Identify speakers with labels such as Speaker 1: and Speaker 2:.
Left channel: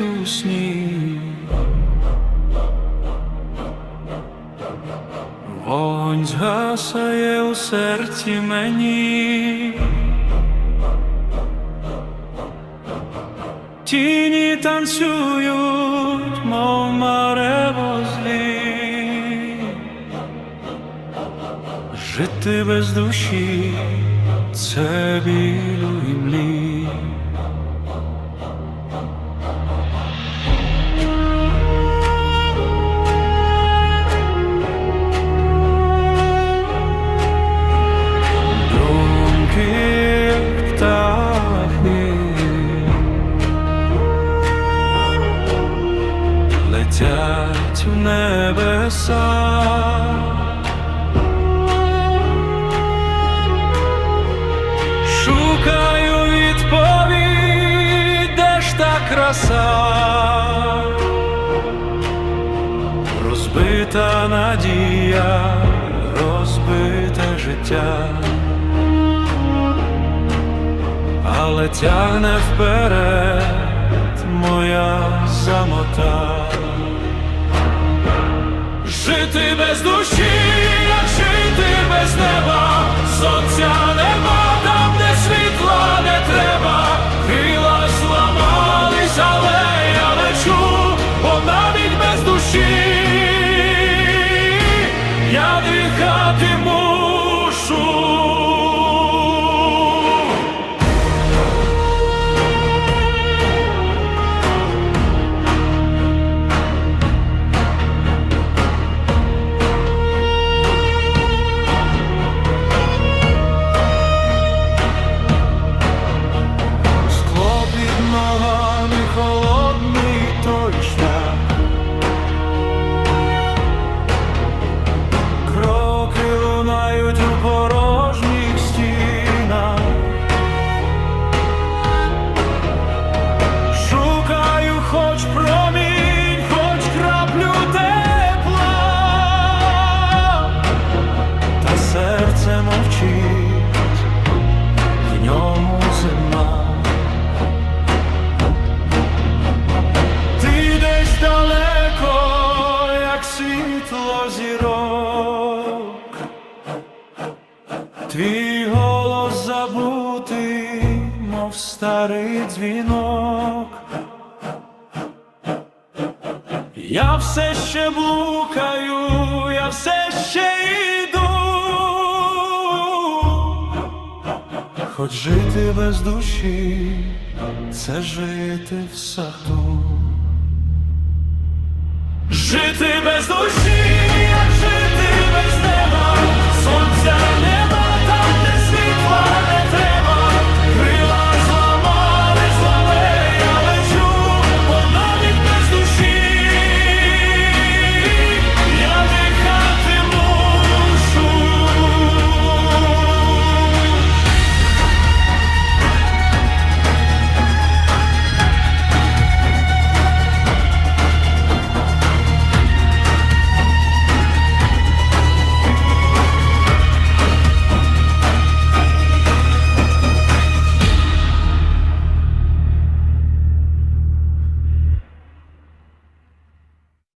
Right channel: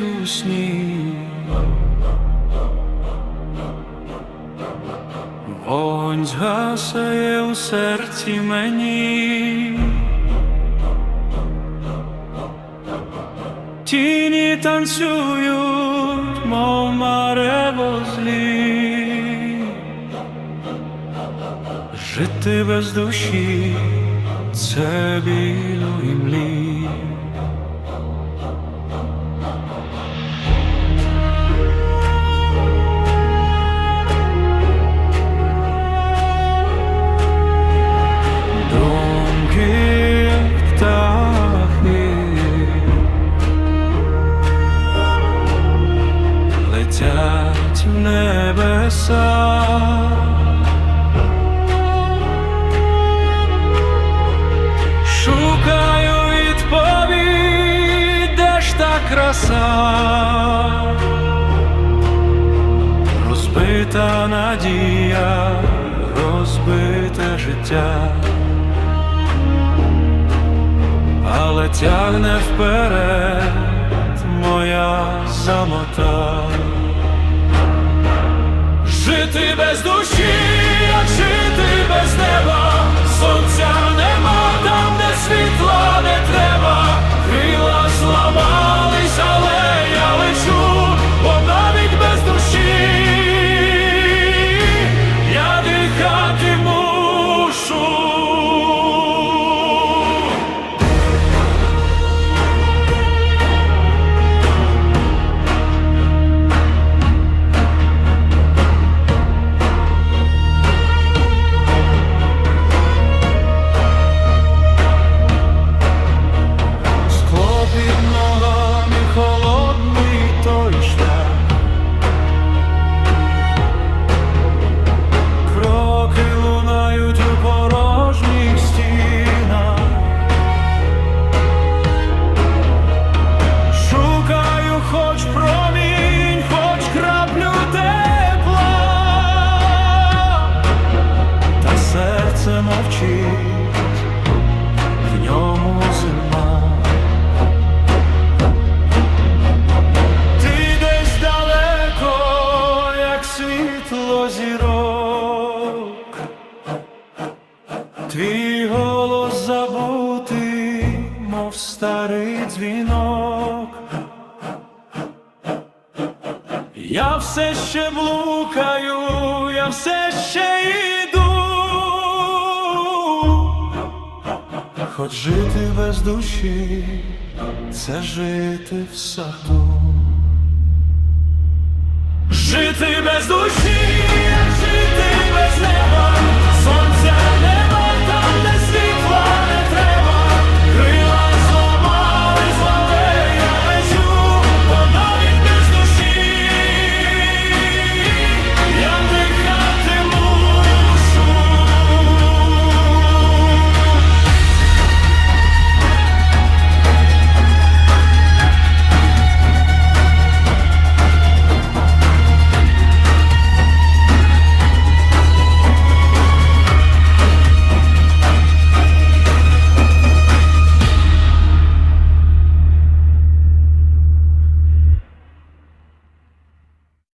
Speaker 1: у сні. Вогонь згасає у серці мені. Тіні танцюють, мов марево злі. Жити без душі це білю і млі. Летять в небеса. Шукаю відповідь, де ж та краса, розбита надія, розбите життя, але тягне вперед моя замота. Жити без душі, як жити без неба, сонця нема там, де світла не треба, крила зламались, але я лечу, бо навіть без душі. Я дихати мушу. Під ногами холодний той шлях. Кроки лунають у порожніх стінах. Шукаю хоч промінь, хоч краплю тепла, та серце мовчить, в ньому зима. Десь далеко, як світло зірок, твій голос забутий, мов старий дзвінок. Я все ще блукаю, я все ще йду, хоч жити без душі, це жити в саду. Жити без душі, як жити без.